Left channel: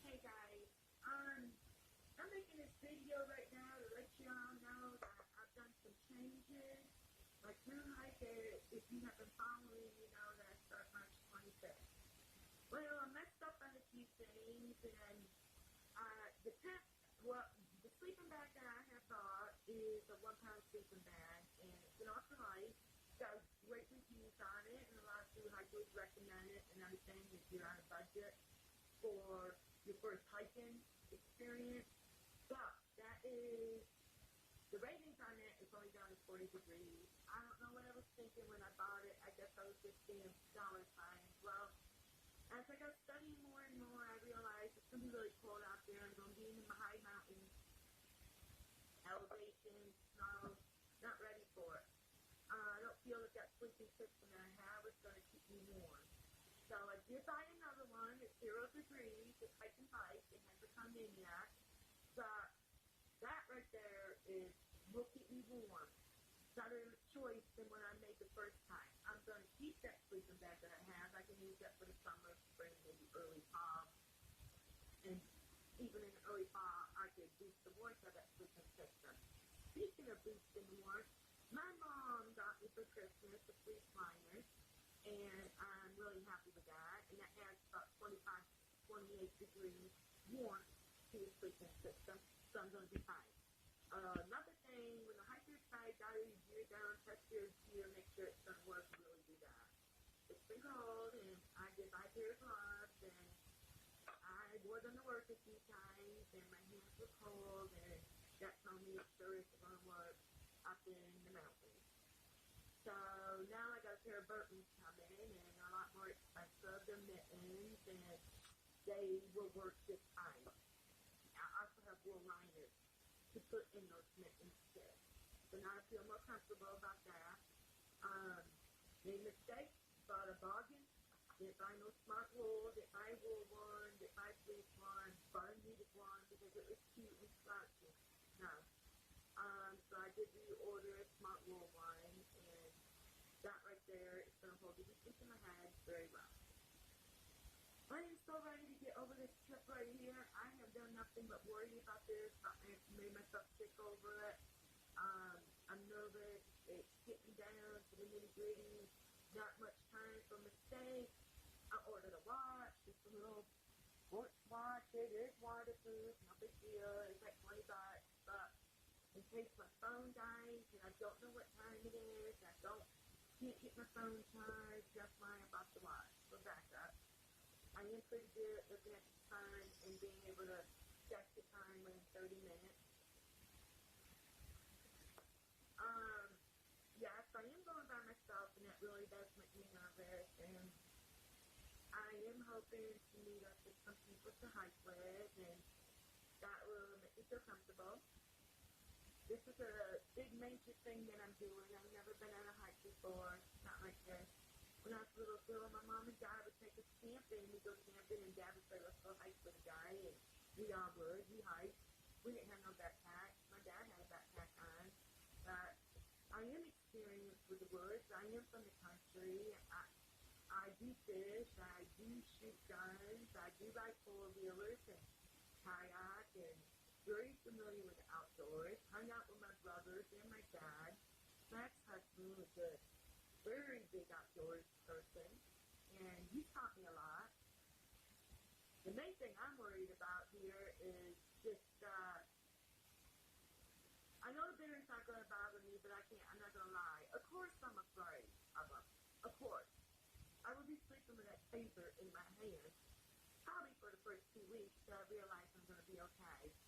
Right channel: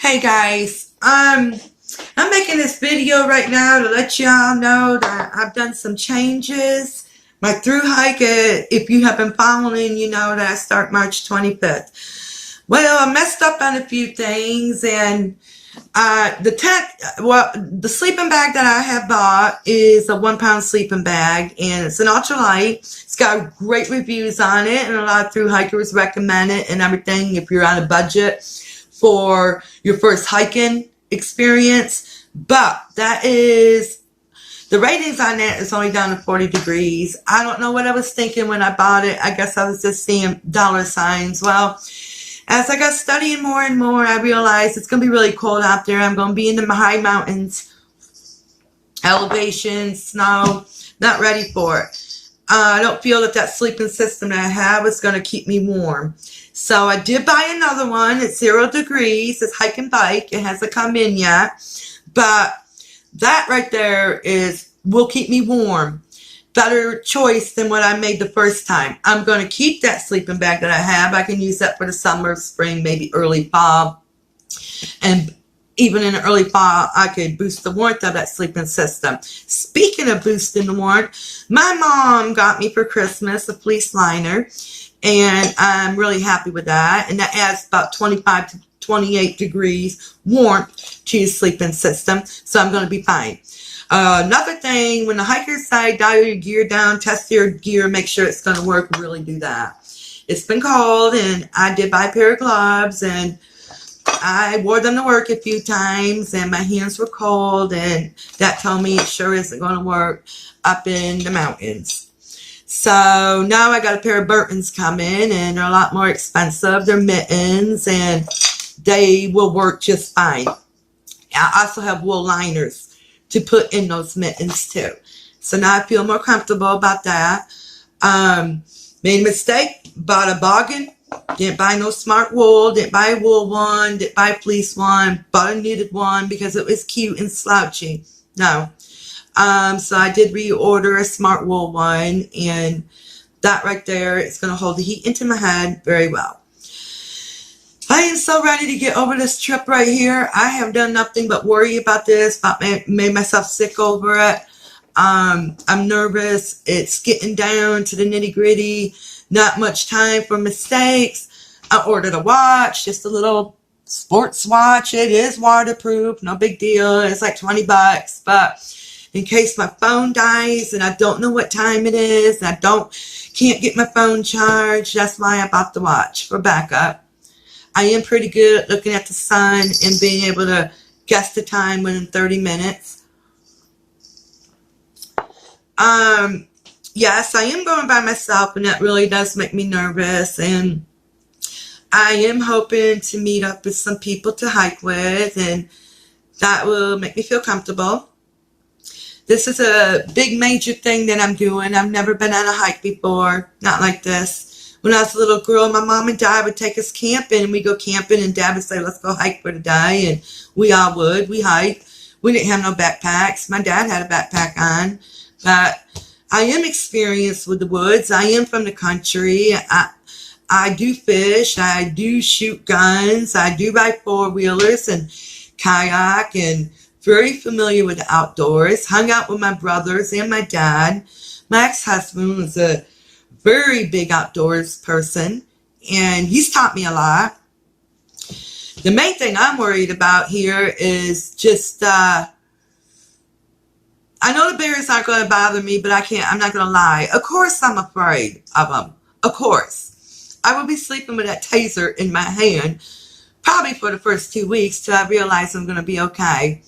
Hey guys, I'm making this video right now to let y'all know that I've done some changes. My through hike, if you have been following, you know that I start March 25th. Well, I messed up on a few things, and the sleeping bag that I have bought is a 1 pound sleeping bag, and it's an ultralight. It's got great reviews on it, and a lot of through hikers recommend it and everything if you're on a budget for your first hiking experience. But that is the ratings on that is only down to 40 degrees. I don't know what I was thinking when I bought it. I guess I was just seeing dollar signs. Well, as I got studying more and more, I realized it's going to be really cold out there. I'm going to be in the high mountains, elevation, snow, not ready for it. I don't feel that sleeping system that I have is going to keep me warm. So I did buy another one. It's 0 degrees. It's hike and bike. It hasn't come in yet. But that right there will keep me warm. Better choice than what I made the first time. I'm going to keep that sleeping bag that I have. I can use that for the summer, spring, maybe early fall. And even in the early fall, I could boost the warmth of that sleeping system. Speaking of boosting the warmth, my mom got me for Christmas a fleece liner, and I'm really happy with that. And that adds about 25 to 28 degrees warmth to your sleeping system, so I'm going to be fine. Another thing, when the hikers say dial your gear down, test your gear, make sure it's going to work, really do that. It's been cold, and I did buy a pair of gloves, and I wore them to work a few times, and my hands were cold, and that told me it sure isn't going to work up in the mountains. So now I got a pair of Burtons coming, and they're a lot more expensive. They're mittens, and they will work just fine. I also have wool liners to put in those mittens too. So now I feel more comfortable about that. Made a mistake, bought a boggin. Didn't buy no smart wool, didn't buy a wool one, didn't buy a fleece one, bought a knitted one because it was cute and slouchy. No. So I did reorder a smart wool one, and that right there is going to hold the heat into my head very well. I am so ready to get over this trip right here. I have done nothing but worry about this, made myself sick over it. I'm nervous. It's getting down to the nitty gritty. Not much time for mistakes. I ordered a watch, just a little sports watch. It is waterproof, no big deal. It's like 20 bucks, but in case my phone dies and I don't know what time it is, and can't get my phone charged, that's why I bought the watch for backup. I am pretty good at looking at the sun and being able to guess the time within 30 minutes. Yes, I am going by myself, and that really does make me nervous. And I am hoping to meet up with some people to hike with, and that will make me feel comfortable. This is a big major thing that I'm doing. I've never been on a hike before, not like this. When I was a little girl, my mom and dad would take us camping, and we'd go camping, and dad would say, let's go hike for the day, and we all would. We hiked. We didn't have no backpacks. My dad had a backpack on, but I am experienced with the woods. I am from the country. I do fish. I do shoot guns. I do ride four-wheelers and kayak, and very familiar with the outdoors. Hung out with my brothers and my dad. My ex-husband was a very big outdoors person, and he's taught me a lot. The main thing I'm worried about here is just, I know the bears aren't going to bother me, but I'm not going to lie. Of course I'm afraid of them. Of course. I will be sleeping with that taser in my hand, probably for the first 2 weeks till I realize I'm going to be okay.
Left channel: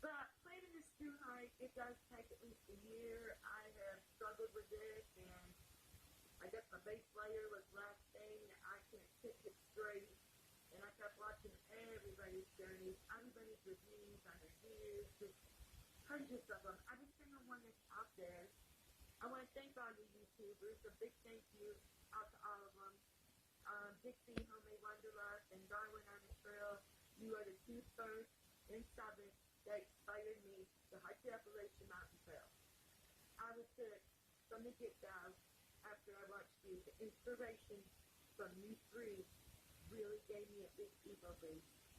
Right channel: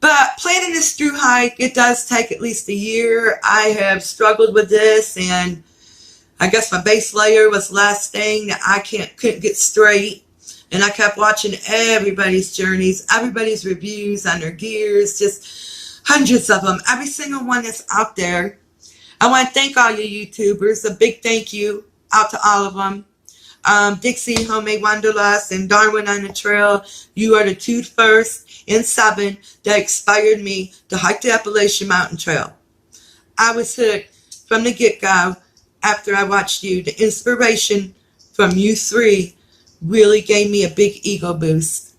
But planning this through hike, it does take at least a year. I have struggled with this, and I guess my base layer was the last thing that I couldn't get straight. And I kept watching everybody's journeys, everybody's reviews on their gears, just hundreds of them, every single one that's out there. I want to thank all you YouTubers. A big thank you out to all of them. Dixie Homemade Wanderlust and Darwin on the Trail. You are the 2 first and 7 that inspired me to hike the Appalachian Mountain Trail. I was hooked from the get-go after I watched you. The inspiration from you 3 really gave me a big ego boost.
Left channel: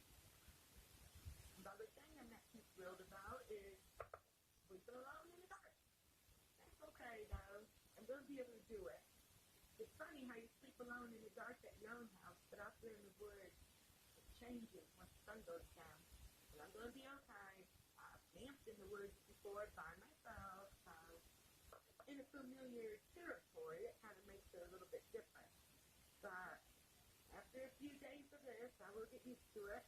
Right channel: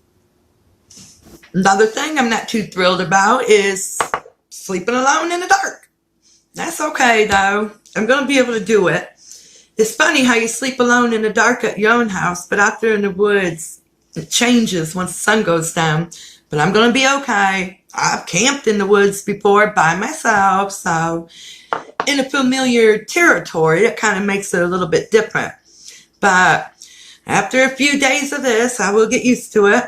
Another thing I'm not too thrilled about is sleeping alone in the dark. That's okay though. I'm going to be able to do it. It's funny how you sleep alone in the dark at your own house, but out there in the woods, it changes once the sun goes down. But I'm going to be okay. I've camped in the woods before by myself, so in a familiar territory, it kind of makes it a little bit different. But after a few days of this, I will get used to it.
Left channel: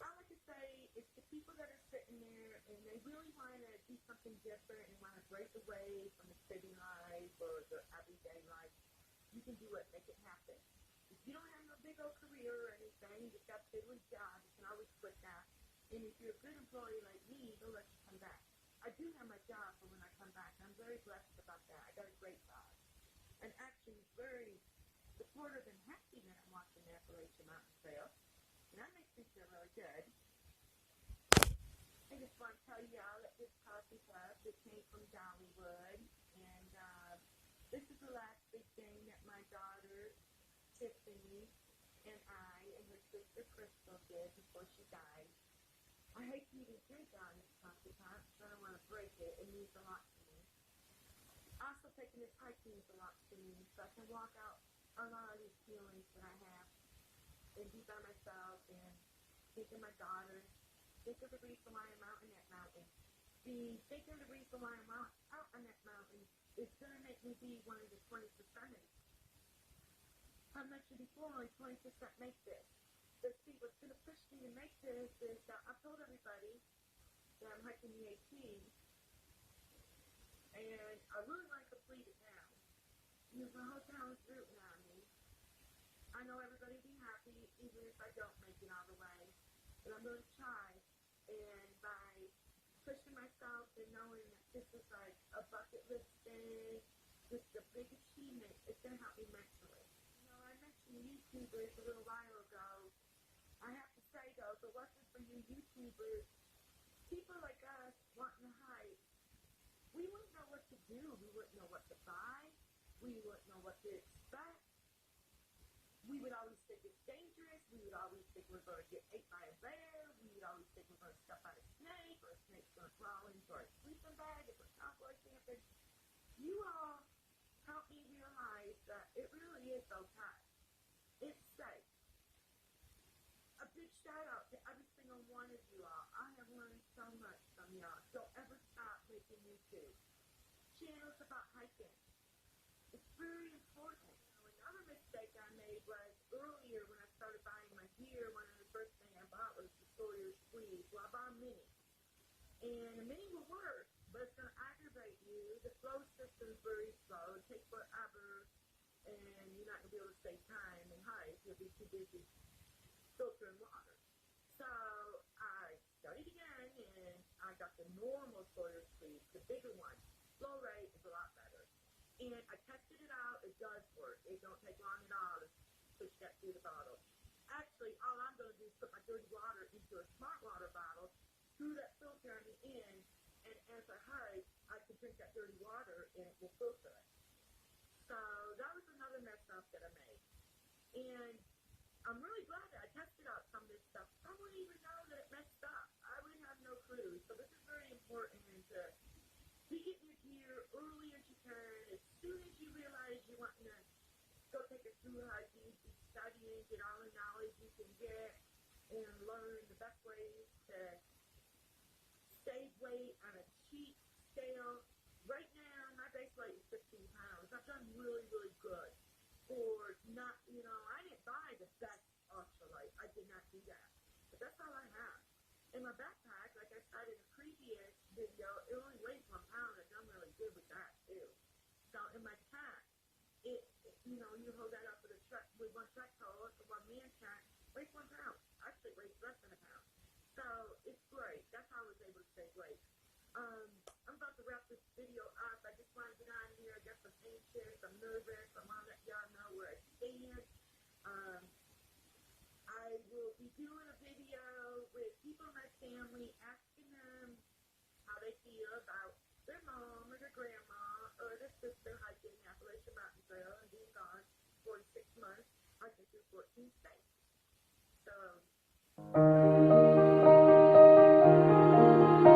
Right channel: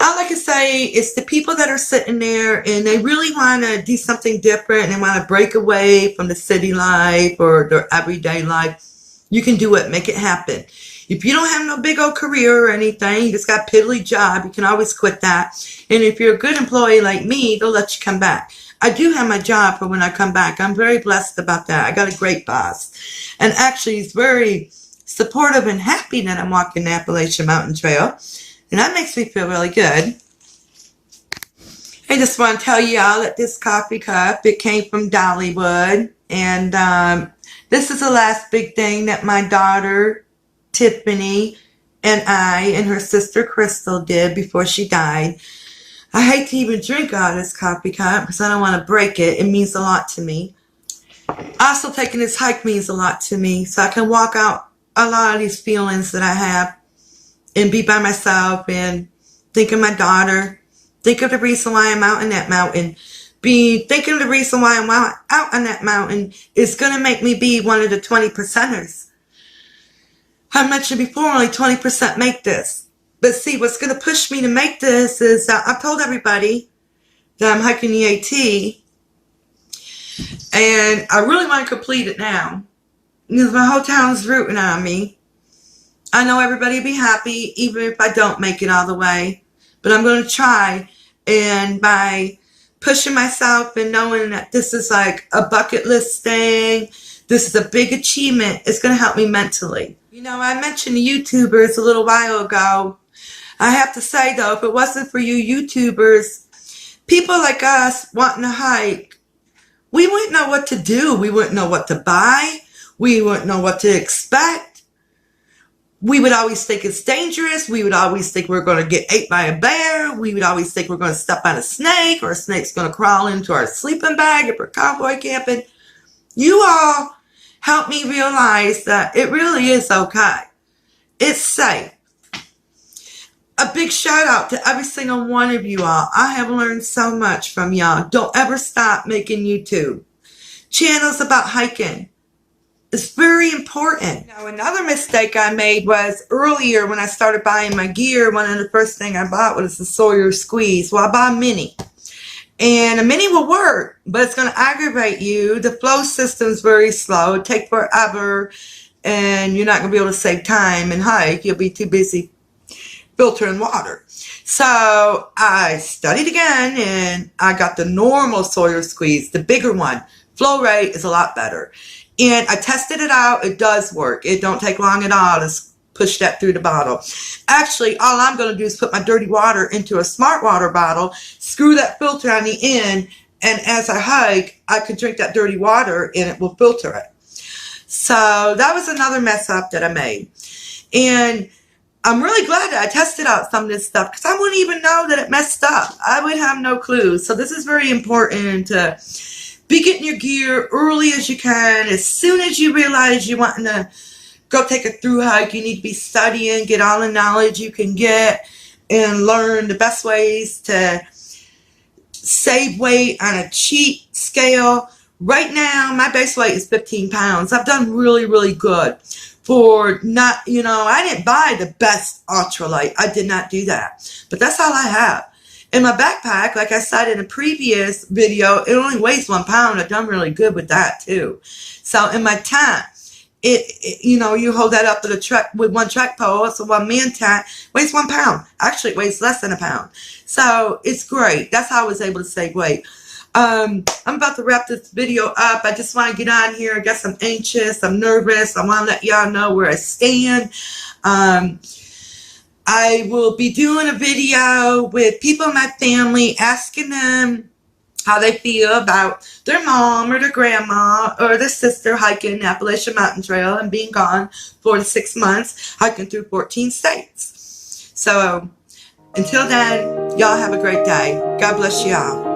All I can say is the people that are sitting there and they really want to do something different and they want to break away from the city life or their everyday life, you can do it. Make it happen. If you don't have no big old career or anything, you just got a piddly job, you can always quit that. And if you're a good employee like me, they'll let you come back. I do have my job for when I come back. I'm very blessed about that. I got a great boss. And actually, he's very supportive and happy that I'm walking the Appalachian Mountain Trail. And that makes me feel really good. I just want to tell y'all that this coffee cup, it came from Dollywood. And this is the last big thing that my daughter, Tiffany, and I and her sister Crystal did before she died. I hate to even drink out of this coffee cup because I don't want to break it. It means a lot to me. Also, taking this hike means a lot to me, so I can walk out a lot of these feelings that I have and be by myself and think of my daughter, think of the reason why I'm out in that mountain. Thinking of the reason why I'm out on that mountain is going to make me be one of the 20%ers. I mentioned before, only 20% make this. But see, what's going to push me to make this is I've told everybody that I'm hiking the AT. And I really want to complete it now. Because my whole town's rooting on me. I know everybody will be happy, even if I don't make it all the way. But I'm going to try. And by pushing myself and knowing that this is like a bucket list thing, this is a big achievement, it's going to help me mentally. You know, I mentioned YouTubers a little while ago. I have to say, though, if it wasn't for you YouTubers, people like us wanting to hike, we wouldn't know what to do. We wouldn't know what to buy. We wouldn't know what to expect. We would always think it's dangerous. We would always think we're going to get ate by a bear. We would always think we're going to step on a snake or a snake's going to crawl into our sleeping bag if we're cowboy camping. You all helped me realize that it really is okay. It's safe. A big shout out to every single one of you all. I have learned so much from y'all. Don't ever stop making YouTube channels about hiking. It's very important. Now, another mistake I made was earlier when I started buying my gear, one of the first things I bought was the Sawyer Squeeze. Well, I bought a mini. And a mini will work, but it's going to aggravate you. The flow system's very slow. It'll take forever, and you're not going to be able to save time and hike. You'll be too busy filtering water. So I studied again, and I got the normal Sawyer Squeeze, the bigger one. Flow rate is a lot better. And I tested it out. It does work. It don't take long at all to push that through the bottle. Actually, all I'm going to do is put my dirty water into a smart water bottle, screw that filter on the end, and as I hike, I can drink that dirty water and it will filter it. So that was another mess up that I made. And I'm really glad that I tested out some of this stuff because I wouldn't even know that it messed up. I would have no clue. So this is very important to be getting your gear early as you can. As soon as you realize you're wanting to go take a through hike, you need to be studying, get all the knowledge you can get, and learn the best ways to save weight on a cheat scale. Right now, my base weight is 15 pounds. I've done really, really good. For not, I didn't buy the best ultralight. I did not do that. But that's all I have. In my backpack, like I said in a previous video, it only weighs 1 pound. I've done really good with that too. So in my tent, you hold that up with one track pole. So one man tent weighs 1 pound. Actually, it weighs less than a pound. So it's great. That's how I was able to save weight. I'm about to wrap this video up. I just want to get on here. I guess I'm anxious. I'm nervous. I want to let y'all know where I stand. I will be doing a video with people in my family, asking them how they feel about their mom or their grandma or their sister hiking the Appalachian Mountain Trail and being gone 4 to 6 months, hiking through 14 states. So until then, y'all have a great day. God bless y'all.